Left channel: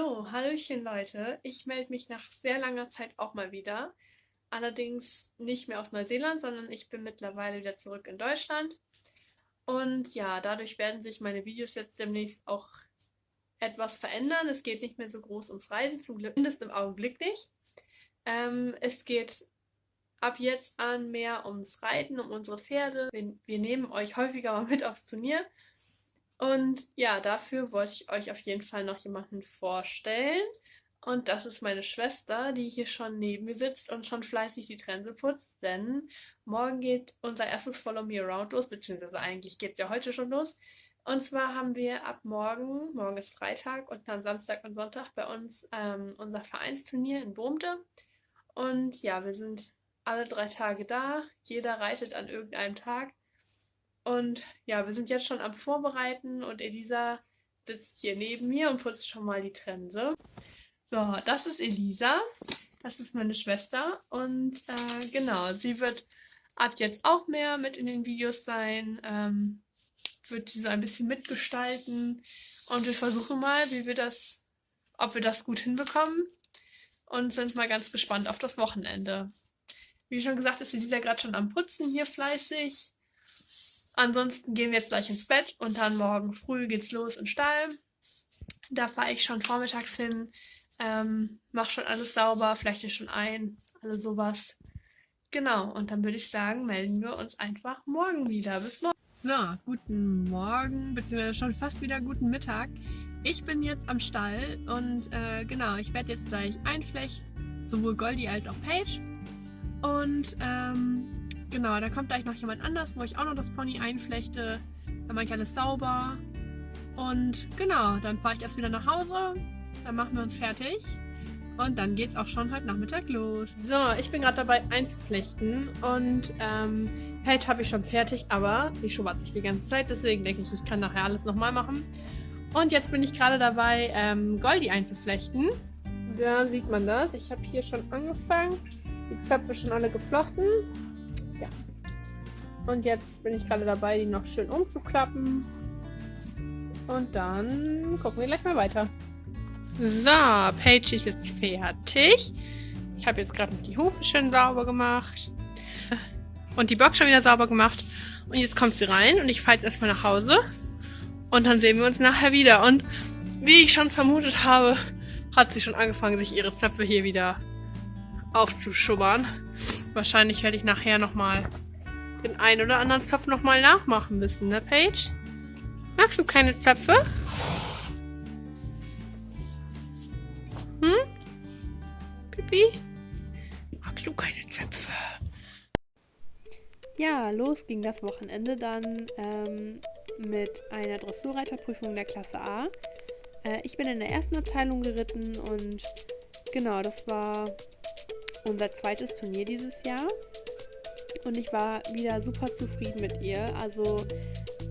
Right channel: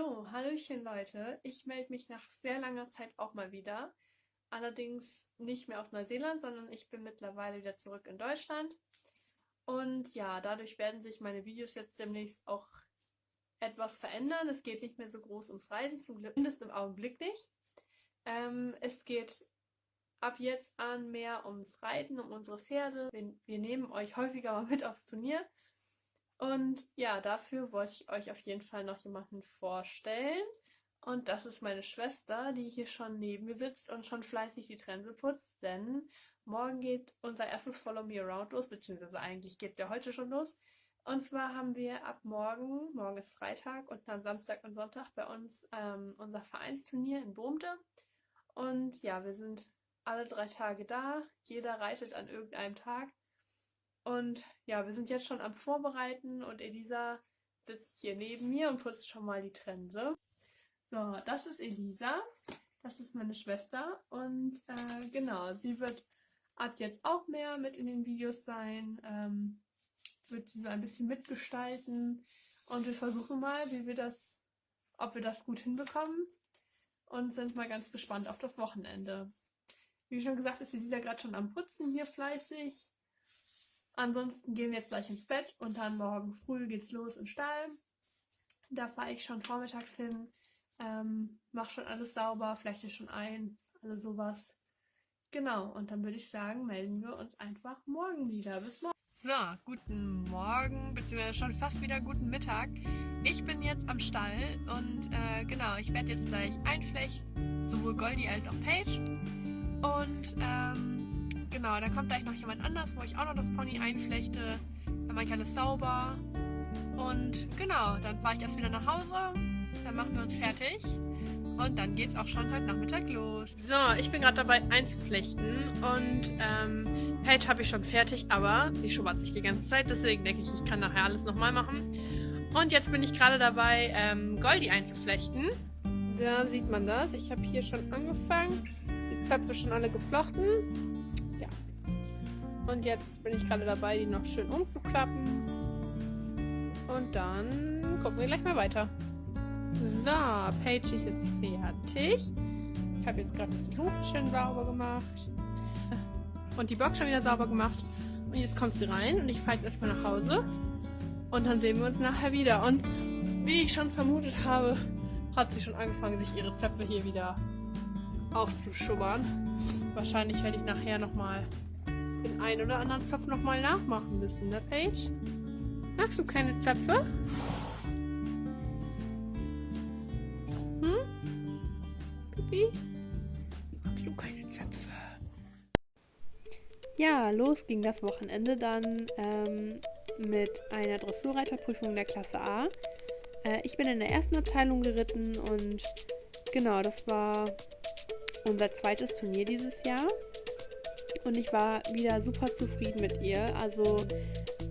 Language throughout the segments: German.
So, hallöchen Leute. Ich melde mich nach sehr langer Zeit auch mal wieder. Allerdings nicht mehr aus Neuseeland, sondern ich bin mittlerweile wieder zurück in Deutschland. Und ja, dadurch werden sich meine Videos jetzt demnächst auch etwas verändern. Es geht nicht mehr so groß ums Reisen, zum Glück, zumindest im Augenblick nicht. Es geht ab jetzt an mehr ums Reiten, um unsere Pferde. Wir nehmen euch häufiger mal mit aufs Turnier. Und ja, dafür wollte ich euch auf jeden Fall noch jemanden vorstellen. Und das ist meine Schwester, die hier schon neben mir sitzt und schon fleißig die Trense putzt, denn morgen geht unser erstes Follow Me Around los, beziehungsweise eigentlich geht es ja heute schon los. Und zwar haben wir ab morgen ist Freitag und dann Samstag und Sonntag bei uns unser Vereinsturnier in Brumte. Und ja, wir sind alle 3 Tage da, jeder reitet an irgendeinem Tag. Und ja, wir sind jetzt schon am Vorbereiten und Elisa sitzt hier neben mir und putzt schon mal die Trense. So, das ist Elisa, das ist meine Schwester und genau, sie wird ab jetzt auch mehr mit in den Videos sein, wird sie so ein bisschen mitgestalten und wir versuchen mal, ob wir das gut hinbekommen und sind mal ganz gespannt auf das Wochenende. Wie schon gesagt, ist Elisa gerade schon am Putzen hier fleißig. Ansonsten gehen wir jetzt gleich ins Bett und dann morgen früh geht's los in den Stall. Da fahre ich schon vormittags hin, mache schon alles sauber, flechte schon ein, alles sowas. Genau, und dann würde ich sagen, melden wir uns einfach morgen wieder. Bis morgen. So, guten Morgen, beziehungsweise schon fast wieder guten Mittag. Ich bin jetzt am Stall und genau, ich werde jetzt gleich einflechten, sowohl Goldie als auch Paige. Und genau, da kommt gleich noch jemand anders, wo ich auch noch das Pony einflechte. Dann mache ich alles sauber. Und genau, dann fahre ich erst wieder nach Hause. Dann machen wir uns fertig. Und dann geht's auch schon heute Nachmittag los. So, ich bin gerade dabei einzuflechten. Und Paige habe ich schon fertig, aber sie schubbert sich die ganze Zeit. Deswegen denke ich, ich kann nachher alles nochmal machen. Und jetzt bin ich gerade dabei, Goldie einzuflechten. Da sieht man das. Ich habe hier schon angefangen. Die Zöpfe schon alle geflochten. Ja. Und jetzt bin ich gerade dabei, die noch schön umzuklappen. Und dann gucken wir gleich mal weiter. So, Paige ist jetzt fertig. Ich habe jetzt gerade die Hufe schön sauber gemacht. Und die Box schon wieder sauber gemacht. Und jetzt kommt sie rein und ich fahre jetzt erstmal nach Hause. Und dann sehen wir uns nachher wieder. Und wie ich schon vermutet habe, hat sie schon angefangen, sich ihre Zöpfe hier wieder aufzuschubbern. Wahrscheinlich werde ich nachher nochmal den einen oder anderen Zopf nochmal nachmachen müssen, ne Paige? Magst du keine Zöpfe? Hm? Pipi? Magst du keine Zöpfe? Ja, los ging das Wochenende dann mit einer Dressurreiterprüfung der Klasse A. Ich bin in der ersten Abteilung geritten und genau, das war unser zweites Turnier dieses Jahr. Und ich war wieder super zufrieden mit ihr. Also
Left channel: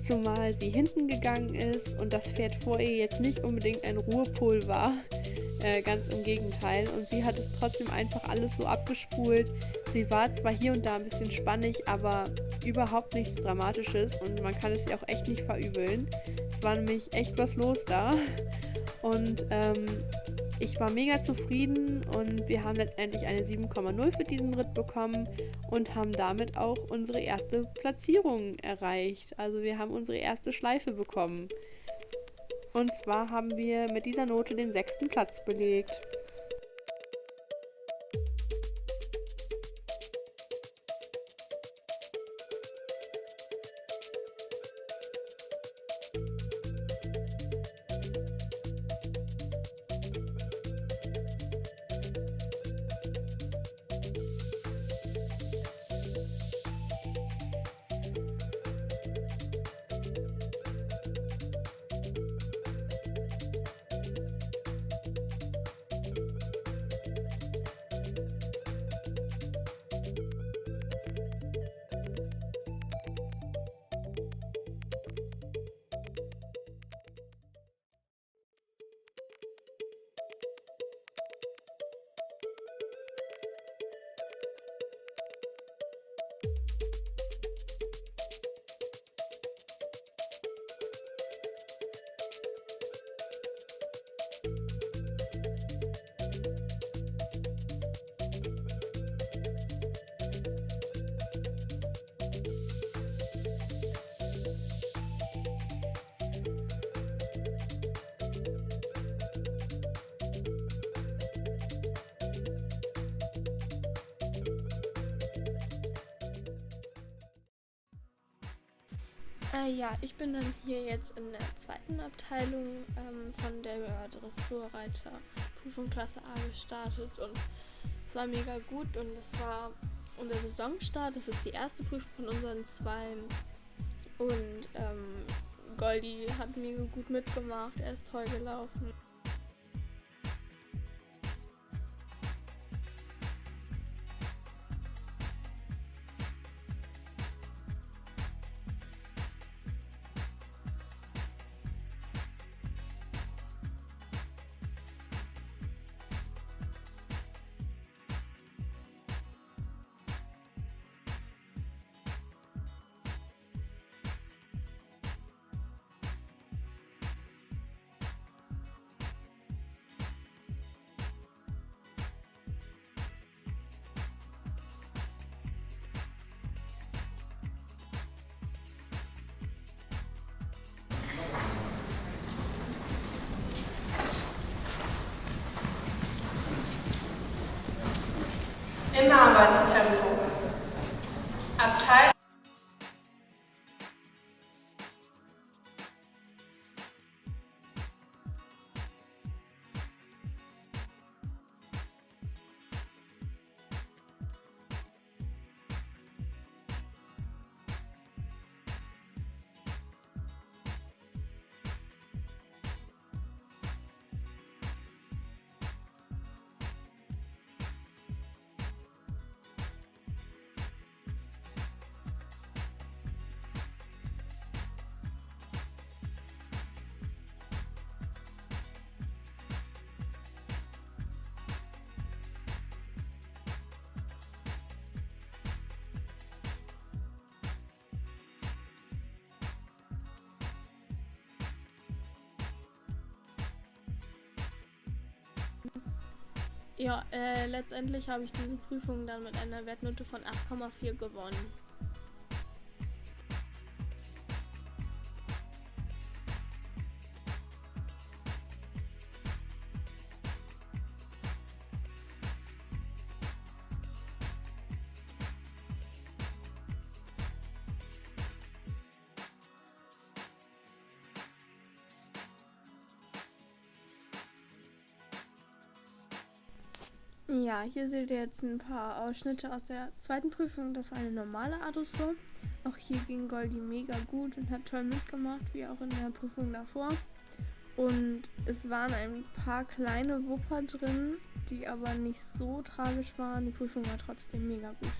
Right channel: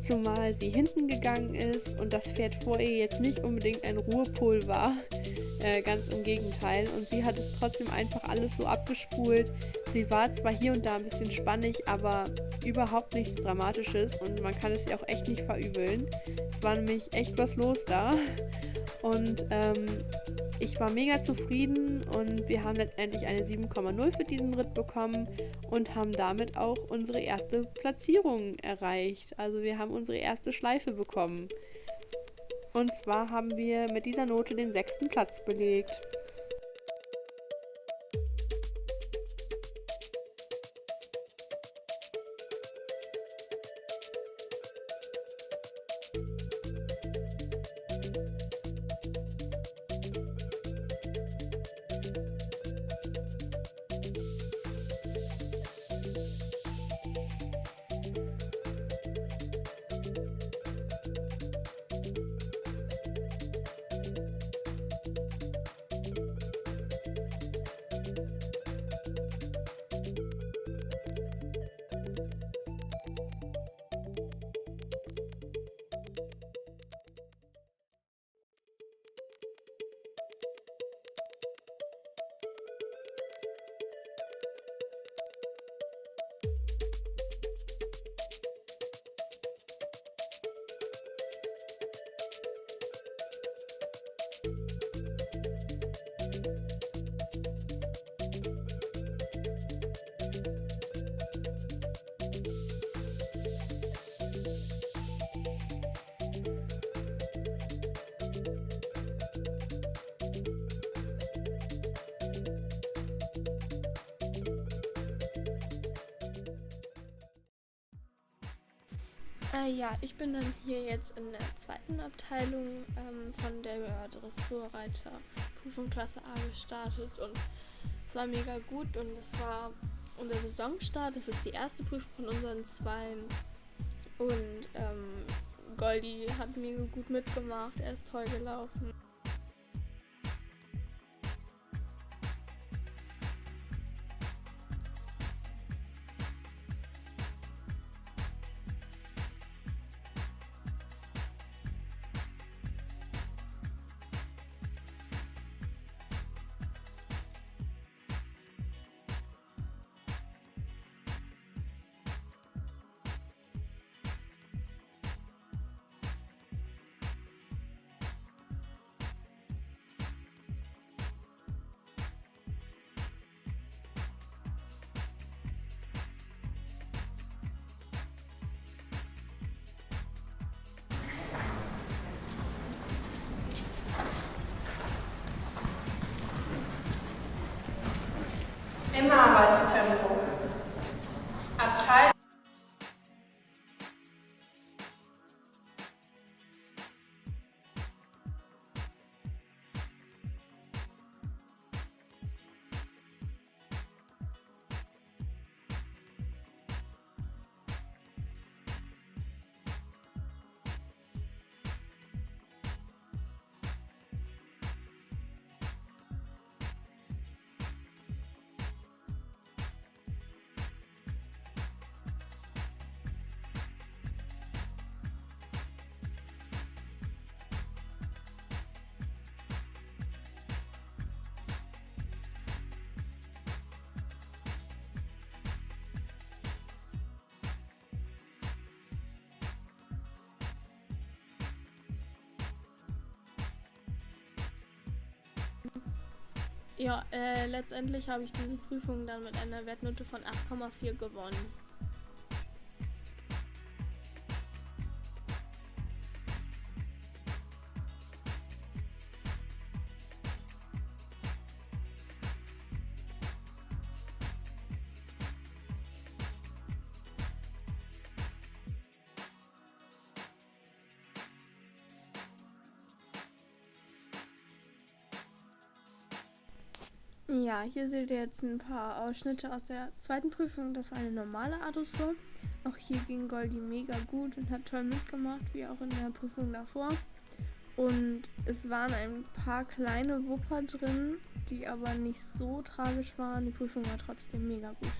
zumal sie hinten gegangen ist und das Pferd vor ihr jetzt nicht unbedingt ein Ruhepol war. Ganz im Gegenteil. Und sie hat es trotzdem einfach alles so abgespult. Sie war zwar hier und da ein bisschen spannig, aber überhaupt nichts Dramatisches und man kann es ihr auch echt nicht verübeln. Es war nämlich echt was los da. Und ich war mega zufrieden und wir haben letztendlich eine 7,0 für diesen Ritt bekommen und haben damit auch unsere erste Platzierung erreicht. Also wir haben unsere erste Schleife bekommen. Und zwar haben wir mit dieser Note den 6. Platz belegt. Ja, ich bin dann hier jetzt in der zweiten Abteilung von der Dressurreiter-Prüfung Klasse A gestartet und es war mega gut und es war unser Saisonstart. Das ist die erste Prüfung von unseren zwei und Goldi hat mega gut mitgemacht, er ist toll gelaufen. Im Arbeitstempo. Abteilung. Ja, letztendlich habe ich diese Prüfung dann mit einer Wertnote von 8,4 gewonnen. Ja, hier seht ihr jetzt ein paar Ausschnitte aus der zweiten Prüfung. Das war eine normale Adressur. Auch hier ging Goldi mega gut und hat toll mitgemacht, wie auch in der Prüfung davor. Und es waren ein paar kleine Wupper drin, die aber nicht so tragisch waren. Die Prüfung war trotzdem mega gut.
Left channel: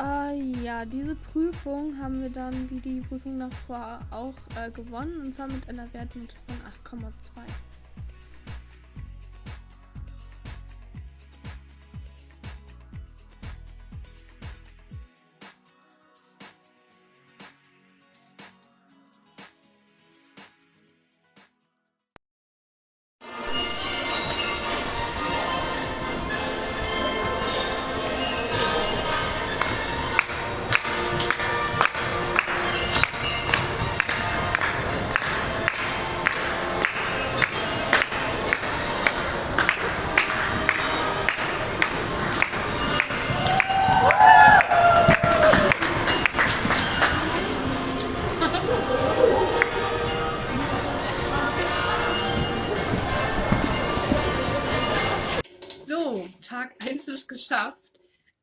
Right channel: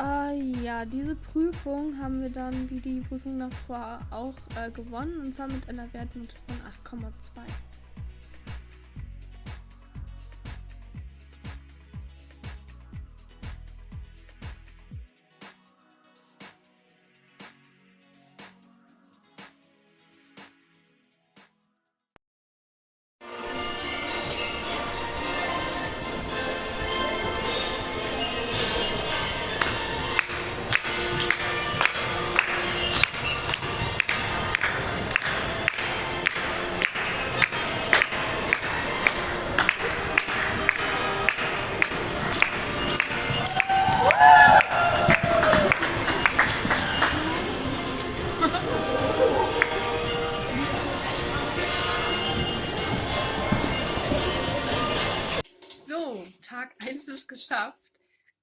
Ja, diese Prüfung haben wir dann wie die Prüfung davor auch gewonnen, und zwar mit einer Wertnote von 8,2. So, Tag 1 ist geschafft.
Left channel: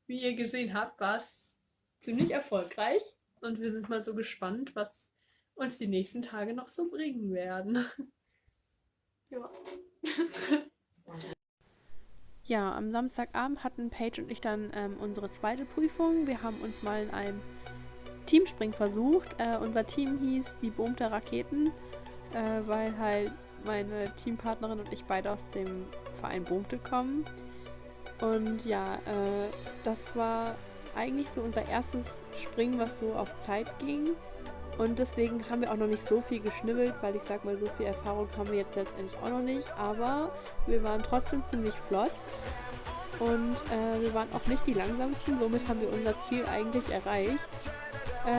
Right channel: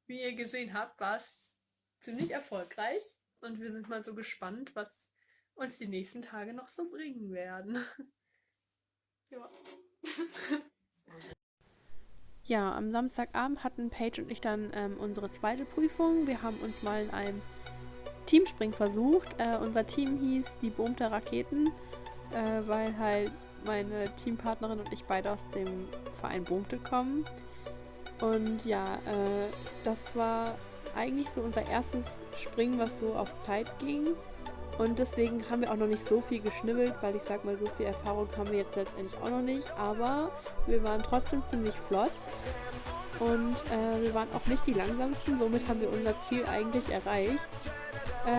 Wie ihr gesehen habt, war es ziemlich erfolgreich. Und wir sind mal so gespannt, was uns die nächsten Tage noch so bringen werden. Ja. Ja, am Samstagabend hatten Paige und ich dann unsere zweite Prüfung. Wir haben uns mal in einem Teamspringen versucht. Unser Team hieß die Boom der Raketen, weil halt meine Teampartnerin und ich beide aus dem Verein Boomte kommen. Und ja, das war eigentlich so unser erstes Springen, was so auf Zeit ging. Und deswegen haben wir auch noch nicht so viel geschnibbelt, weil ich sag mal, so viel Erfahrung haben wir jetzt letztendlich auch noch nicht. Aber wir waren trotzdem ziemlich flott. Und wir waren auch nicht die langsamsten, somit haben wir unser Ziel eigentlich erreicht.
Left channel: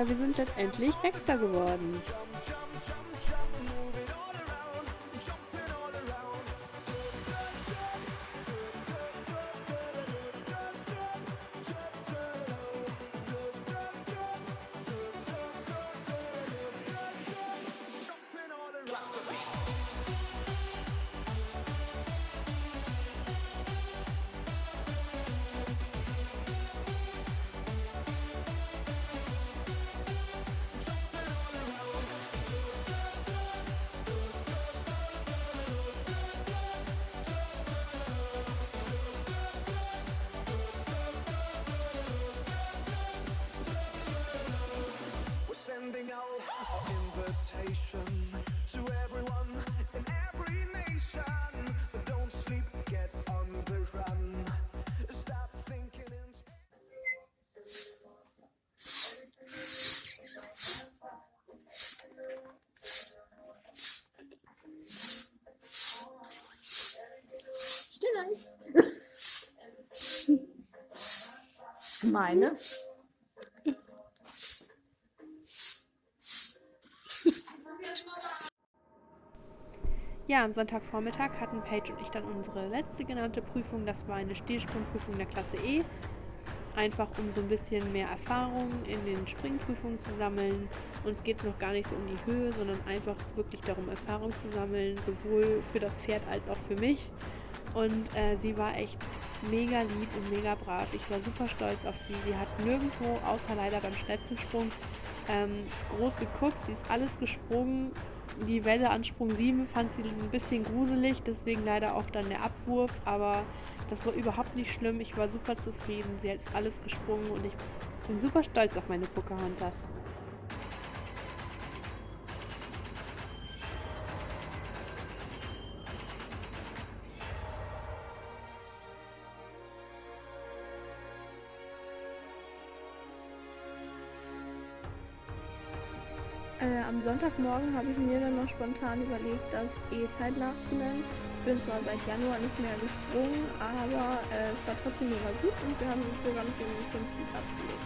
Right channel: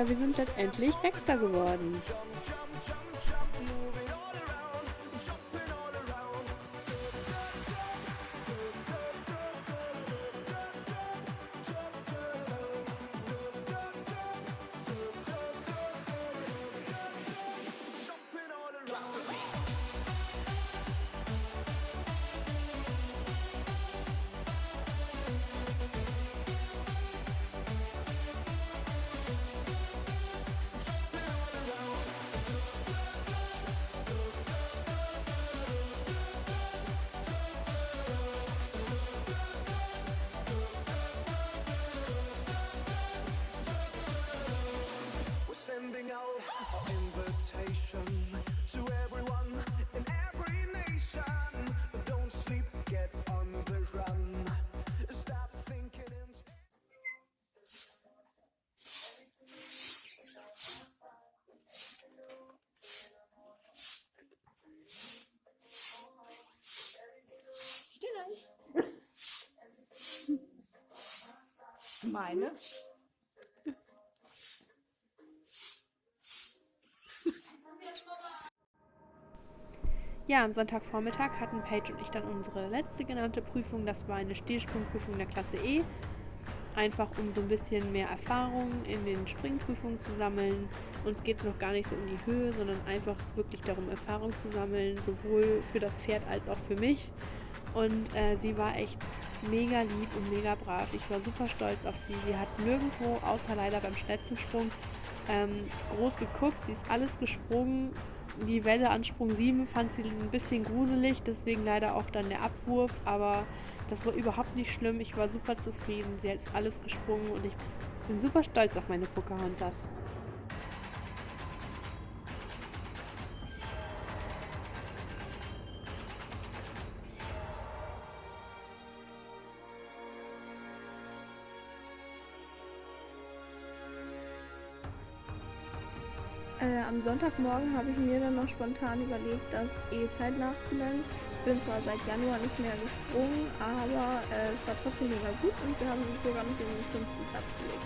Wir sind letztendlich Sechster geworden. Sending out our invitation to everyone in every nation. Don't sleep, get on the run. Stop thinking Meine? Ja, am Sonntagvormittag hatten Paige und ich dann unsere letzte genannte Prüfung. Das war eine Stilsprungprüfung der Klasse E. Einfach um so ein bisschen mehr Erfahrung in den Springprüfungen zu sammeln. Uns geht es noch gar nicht so um die Höhe, sondern einfach wirklich darum, Erfahrung zu sammeln, sowohl für das Pferd als auch für mich. Und sie war echt mega lieb und mega brav. Ich war super stolz auf sie. Sie hat nirgendwo, außer leider beim Schnetzensprung, groß geguckt. Sie ist alles gesprungen. Die Welle an Sprung 7 fand sie ein bisschen gruselig, deswegen leider auch dann der Abwurf, aber das war überhaupt nicht schlimm. Ich war super zufrieden. Sie hat alles gesprungen und ich bin super stolz auf meine Pocahontas. Am Sonntagmorgen habe ich mir dann noch spontan überlegt, das E-Zeit nachzunennen. Ich bin zwar seit Januar nicht mehr gesprungen, aber es war trotzdem mega gut und wir haben sogar noch den 5. Platz belegt.